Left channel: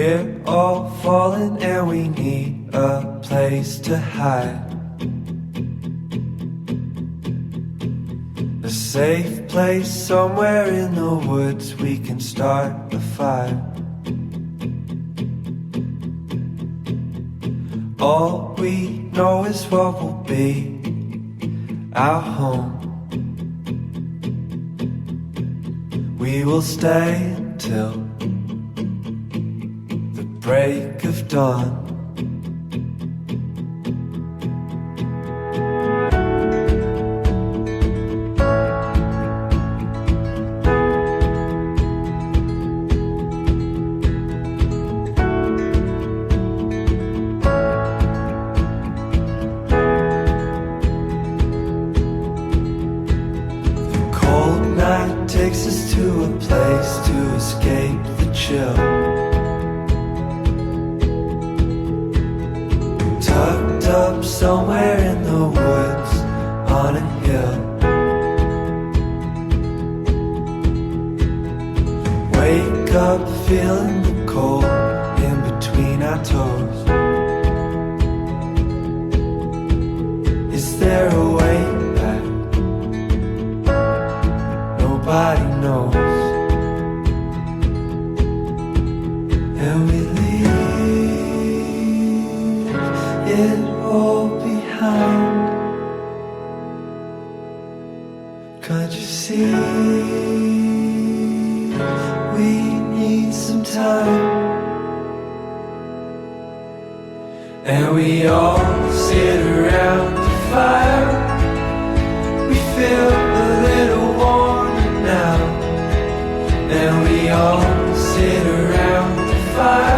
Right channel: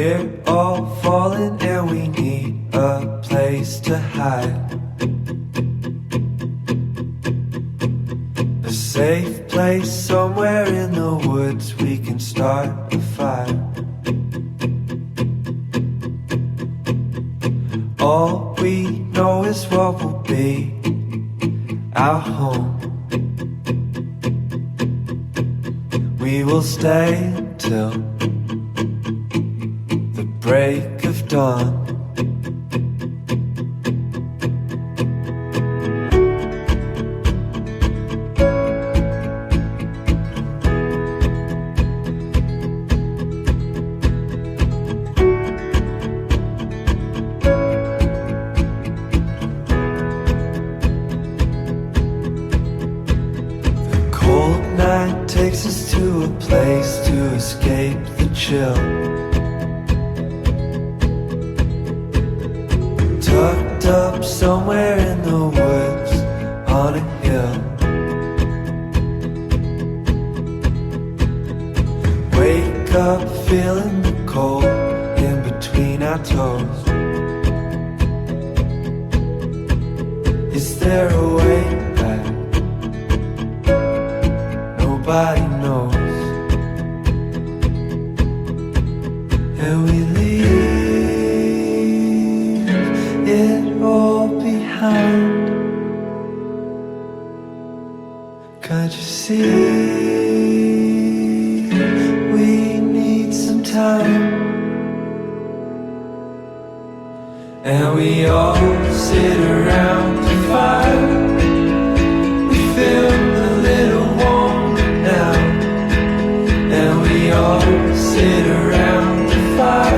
We're all falling and we need a place to hide. A safe place somewhere in the woods we can start a fire. All we know is what will be our home. We will stay until the break of dawn. Cold night takes us to a place to escape the chill. Tucked up somewhere in the woods on a hill. Wake up feeling the cold in between our toes. Is there a way back? Nobody knows. And we leave it all behind. Can't you see? We need some time. And we all sit around the fire. We feel a little warmer now. And we all sit around the fire.